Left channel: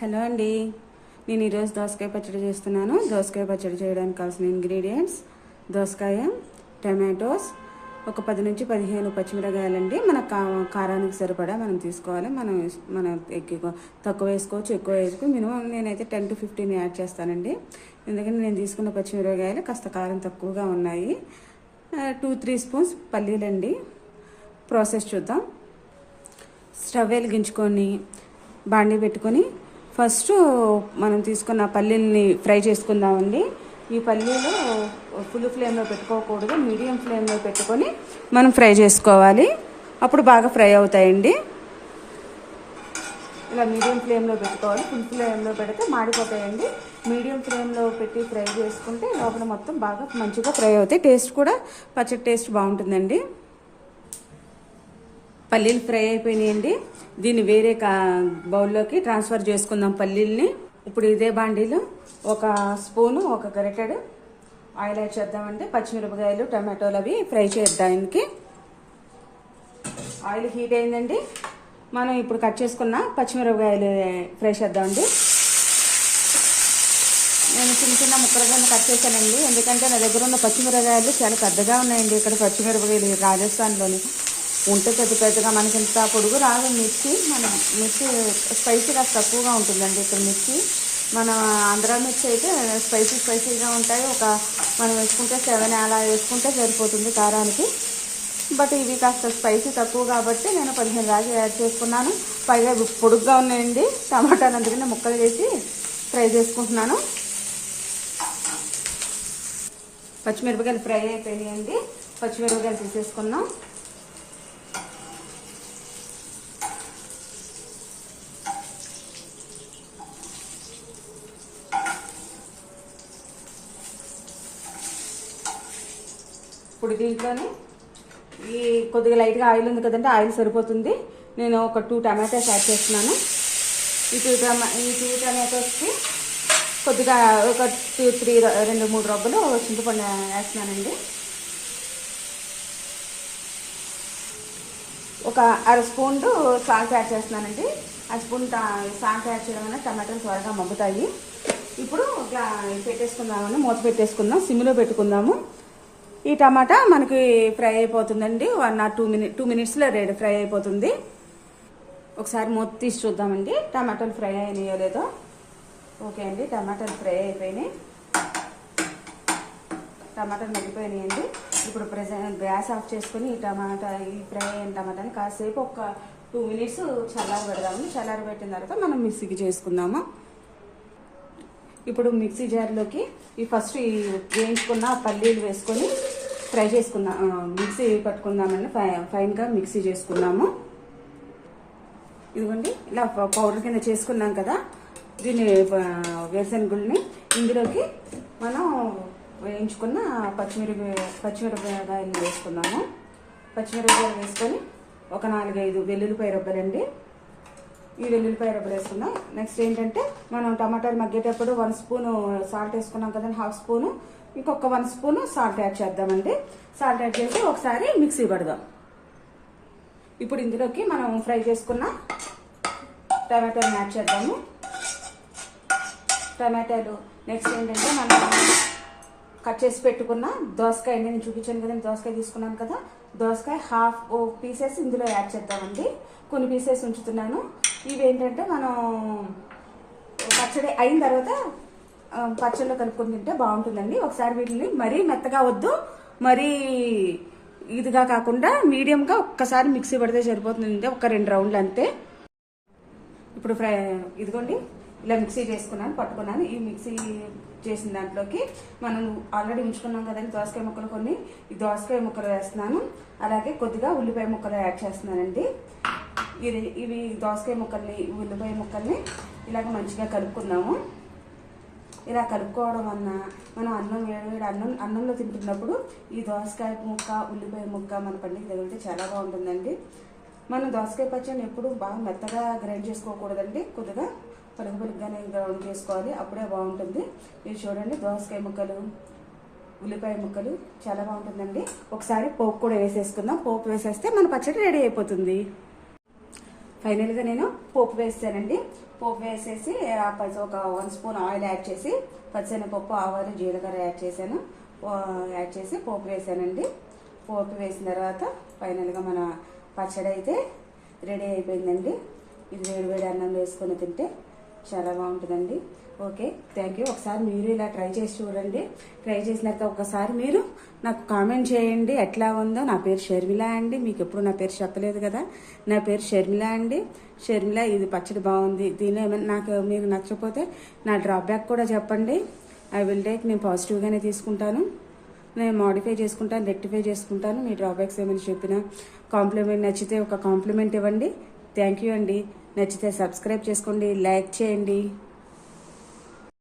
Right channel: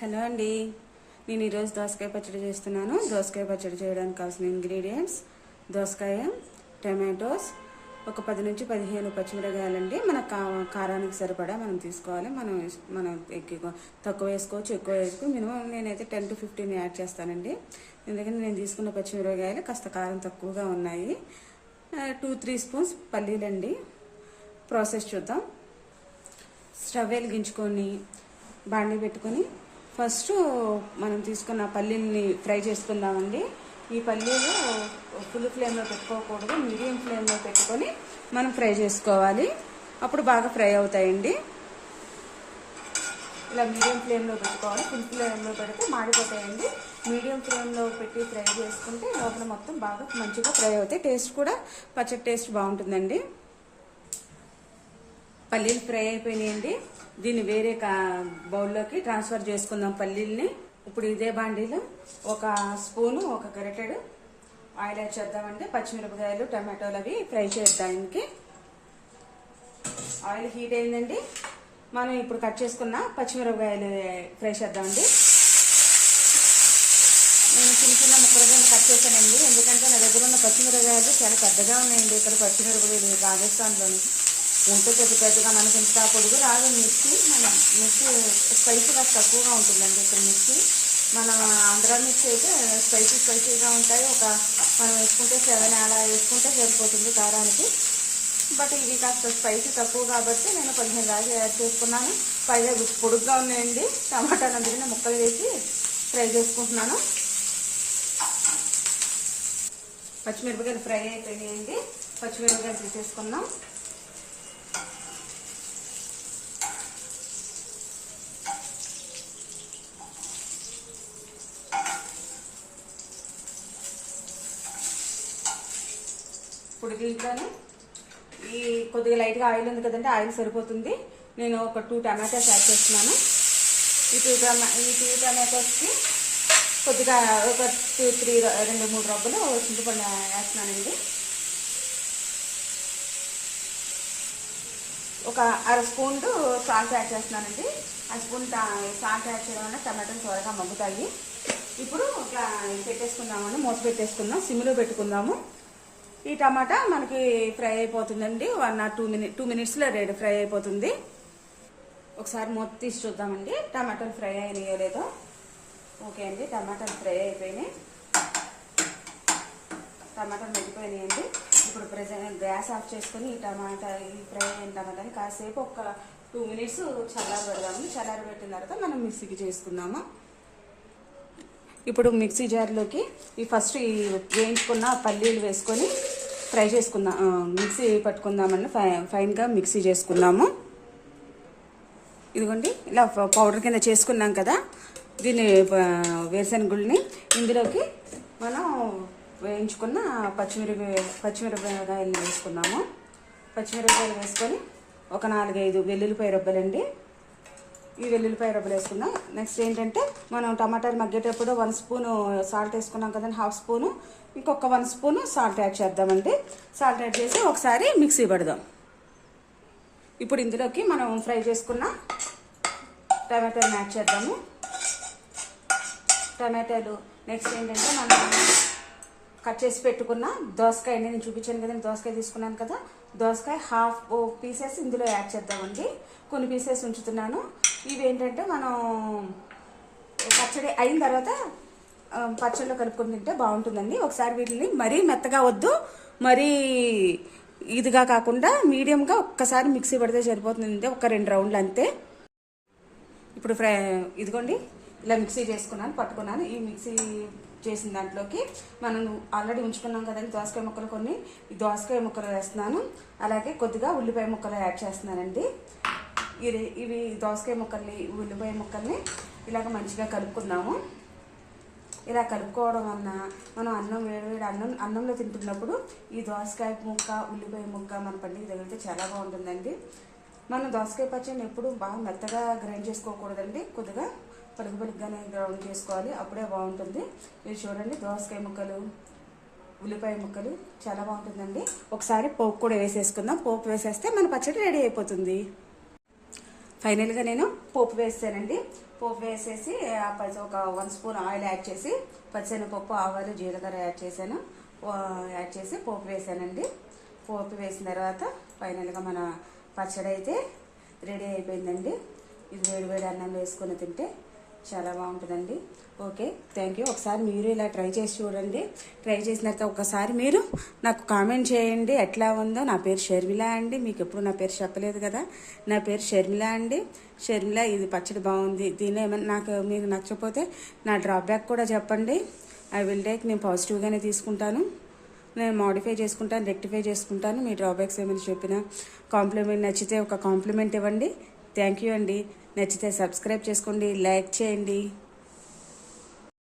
Hello అండి, నేను ఈరోజు దోసకాయ పచ్చడి చేస్తున్నాను. దోసకాయ పచ్చడి చేయడానికి కావాల్సిన ఇంగ్రీడియంట్స్: దోసకాయ, టమాటోస్, ఒక 10 నుంచి 15 పచ్చిమిరకాయలండి. మన కారానికి సరిపడా మనం తీసుకోవాలి. మనం తక్కువ వేసుకోవచ్చు, ఎక్కువ వేసుకోవచ్చు. మినిమం నేనైతే 10 to 15 యాడ్ చేస్తానండి. ఎందుకంటే నేను తీసుకున్న పచ్చిమిరకాయలు కాస్త కారం తక్కువగా ఉన్నాయి. 2-3 స్పూన్స్ పల్లీలండి. ప్రాసెస్ చూద్దాం. స్టవ్ వెలిగించుకొని బాండీ పెట్టుకొని ఫస్ట్ మనం తీసుకున్న పల్లీల్ని ఫ్రై చేసుకుందామండి. ఈ పల్లీలు ఫుల్ ఫ్లేమ్లో పెట్టుకోకూడదు, మీడియం ఫ్లేమ్లో పెట్టుకొని మనం ఫ్రై చేసుకోవాలి. అప్పుడు బాగా ఫ్రై అవుతాయండి. ఇలా మీడియం ఫ్లేమ్లో పెట్టుకోవాలి. ఫుల్ ఫ్లేమ్లో పెడితే మాడిపోతాయండి. మీడియం ఫ్లేమ్లో పెట్టి ఫ్రై చేసుకుంటే లోపల మొత్తం బాగా మంచిగా ఫ్రై అవుతాయి. టేస్ట్ కూడా పచ్చడి టేస్ట్ బాగుంటుందండి. పల్లీలు ఫ్రై అయిపోయినాయండి. దీన్ని వేరే బౌల్లోకి ట్రాన్స్ఫర్ చేసుకుందాం పల్లీల్ని. ఇప్పుడు ఇదే బాండీలో ఒక స్పూను, ఒక గరిటెడు ఆయిల్ యాడ్ చేద్దామండి. పచ్చిమిరపకాయలు, టమాటోలు అవి ఫ్రై చేద్దానికి. ఆయిల్ హీట్ అయిందండి. మనం ఇప్పుడు కట్ చేసుకున్న పచ్చిమిరపకాయలు ఫ్రై చేద్దామండి. నేను చిన్న చిన్న ముక్కలుగా కట్ చేశానండి. ఎందుకంటే నా దగ్గర ఉన్న పచ్చిమిరపకాయలు చాలా పెద్దగా ఉన్నాయండి. ఇక్కడ పచ్చిమిరపకాయలు రాజస్థాన్లోని ఉంటే పెద్దగా మనకి ఇంత పొడుగు రాదు. మిర్చి స్పైసీ కాస్త తక్కువగా ఉంటుందండి ఇక్కడ మిర్చి. మన ఆంధ్ర మిర్చి అయితే స్పైసీగా ఉంటాయి. మనం వేసుకుంటే 7 అలా వేసుకుంటే సరిపోతుంది కారానికి. బట్ ఇవి కాస్త స్పైసీ తక్కువ కాబట్టి నేను 15 రాజు యాడ్ చేసుకున్నాను. పైగా పొడుగ్గా ఉన్నాయండి. టమాటాలు అందుకని ముక్కలు వేసి ఫ్రై చేసుకుంటున్నాను. పచ్చిమిరపకాయలు ఫ్రై అయిపోయినాయండి. పచ్చిమిరపకాయలు తీసేసుకున్నాం. ఇప్పుడు దీంట్లోనే ఈ కొద్దిగా లైట్గా ఆయిల్ ఉంది కదండి, ఆయిల్ సరిపోతుంది. నేను ఒక 2 టమాటోస్ యాడ్ చేస్తున్నాను. ఈ 2 టమాటోస్కి కొద్దిగా ఒక 2-3 రబ్బలు చింతపండు వేస్తున్నానండి. ఒక 1/2 స్పూన్ సాల్ట్ యాడ్ చేస్తున్నానండి. 1 స్పూన్ సాల్ట్ యాడ్ చేయడం వల్ల టమాటోలు త్వరగా మగ్గుతాయి. ఇప్పుడు పెట్టేసుకుందామని మూత పెట్టేసుకుందాం. సిమ్లో పెట్టుకుందాము. ఈ టమాటా మనకి ఫ్రై అయిపోతుందండి. 1 or 2 మినిట్స్లో ఫ్రై అయిపోతుంది. ఒకసారి మూత తీసి చూద్దామండి టమాటాలు ఫ్రై అయినాయో లేదో. ఓకే అండి, టమాటాలు ఫ్రై అయిపోయినాయి. టమాటాలు మగ్గిపోయినాయండి. ఇప్పుడు గ్యాస్ ఆఫ్ చేసుకుని ఈ ఫ్రై అయిన టమాటాని కాసేపు ఒక 2 మినిట్స్ చల్లారి పెడదాము. చల్లారి పెట్టిన తర్వాత మనం మిక్సీకి చేసుకుందాము. ఇప్పుడు మిక్సీ జార్లోకి ఫస్ట్ వేయించుకున్న పల్లీలు వేసుకొని ఫ్రై చేసుకుందాం. మిక్సీ పట్టుకుందామండి. ఫైన్గా మిక్సీ చేసుకుందాము. ఇదిగోండి, ఇలా పౌడర్ కింద చేసుకున్నాం కదా. దీన్ని వేరుశనగుళ్ళని ఇందులోకి మనం వేయించుకున్న పచ్చిమిరపకాయలు వేసుకున్నాము. పచ్చిమిరపకాయలు వేసుకొని ఒక 4-5 వెల్లుల్లిపాయ రబ్బలండి. ఈ వెల్లుల్లిపాయ రబ్బలు వేసుకుందాం. నెక్స్ట్ ఏంటంటే మనం టమాటాలు మగ్గేటప్పుడు 1 స్పూను సాల్ట్ వేసుకున్నాం కదండి, 1/2 స్పూను. ఇంకొక 1 స్పూను సాల్ట్ యాడ్ చేద్దామండి. సాల్ట్ యాడ్ చేసి ఒకసారి మిక్సీ పడదాం. ఇప్పుడు ఇందులోకి మనం ఫ్రై చేసుకున్న టమాటాలు యాడ్ చేద్దాము. టమాటాలు నెక్స్ట్ ఏంటంటే మనం కట్ చేసి పెట్టుకున్న దోసకాయ, నేను చూపించాను కదండి, దోసకాయ తీసుకున్నాను కదా. దోసకాయ 1/2 పీసెస్ ఇందులో యాడ్ చేద్దామండి. కొన్ని పీసెస్ ఉంచుతున్నాను. ఇవి ఏంటంటే మనం పచ్చడి అయిన తర్వాత పచ్చడిలో కలుపుకొని తింటే బాగుంటుందండి. ఒకసారి వీటిని మరీ మెత్తగా వద్దు, మరీ ఇదిగా కాకుండా మీడియంగా ఒక్కసారి మిక్సీ పడితే సరిపోతుంది. ఒక 2 రౌండ్లు అంతే. ఇప్పుడు ఇదిగోండి, ఇలా మిక్సీ పట్టుకున్నాను. ఈ మిక్సీ చేసిన దాంట్లోకి మనం ఆల్రెడీ ఉంచుకున్నాం కదండి దోసకాయ ముక్కలు, కొన్ని ఈ దోసకాయ ముక్కలు వేస్తున్నాను. అలాగే కొద్దిగా ఉల్లిపాయ ముక్కలు యాడ్ చేస్తున్నానండి. ఇవి దోసకాయ ముక్కల్ని, ఉల్లిపాయ ముక్కల్ని ఇలాగ మంచిగా కలుపుకుందాము. ఇలా కలుపుకోవడం వలన మనం అన్నంలో తింటున్నప్పుడు ఈ దోసకాయ ముక్క, ఉల్లిపాయ ముక్క మన పండుగ తగిలితే చాలా బాగుంటుందండి. మనం దోసకాయ పచ్చడిని ఎప్పుడు బాగా మెత్తగా గ్రైండ్ చేసుకోకూడదండి. కొద్దిగా పొలుగుగానే గ్రైండ్ చేసుకోవాలి, అప్పుడే బాగుంటుంది. ఇది చూడండి, దోసకాయ ముక్కలు, ఉల్లిపాయ ముక్కలు చాలా బాగుంటుందండి. ఒకసారి పోపు కూడా వేసేసుకుందాం. పోపు వేసేస్తే మన పచ్చడి రెడీ అయిపోతుంది. ఫైనల్గా నేను పోపు వేస్తానండి. పోపు వేసేసి ఒక 1 స్పూన్ ఆయిల్ యాడ్ చేసి పచ్చెనపప్పు, ఆవాలు, జీలకర్ర యాడ్ చేశాను. యాడ్ చేసి పోపు వేసానండి. పోపు వేసిన తర్వాత ఫైనల్గా మన పచ్చడి అయితే రెడీ అయిపోయిందండి. ఇది వేడి అన్నం వేసుకొని తింటే చాలా బాగుంటుందండి. Okay, thank you. ఒకసారి మీరు ఇలా ట్రై చేసి చూడండి. ట్రై చేసిన తర్వాత ఒకసారి మీరు నాకు కామెంట్ చేయండి ఎట్లా ఉందో. నా పేరు షర్మిల అండి. మీకు ఎప్పుడు నా పేరు చెప్పలేదు కదా. నా పేరు షర్మిల అండి. షర్మిల, ఇది పచ్చడి బాగుంది, దీని ఏమైనా నాకు మీకు నచ్చకపోతే నా డ్రాబ్యాక్ కూడా చెప్పండి. I will take. నేను పాజిటివ్గానే తీసుకుంటాను. నేను మోడిఫై చేసుకుంటాను, రెక్టిఫై చేసుకుంటాను. మీ డ్రాబ్యాక్స్ ఏమైనా చెప్పినా, కాంప్లిమెంట్ నచ్చితే ఒక కాంప్లిమెంట్ ఇవ్వండి. థ్యాంక్ యూ అండి. నచ్చితే సబ్స్క్రైబ్ చేసుకోండి, లైక్ చేయండి.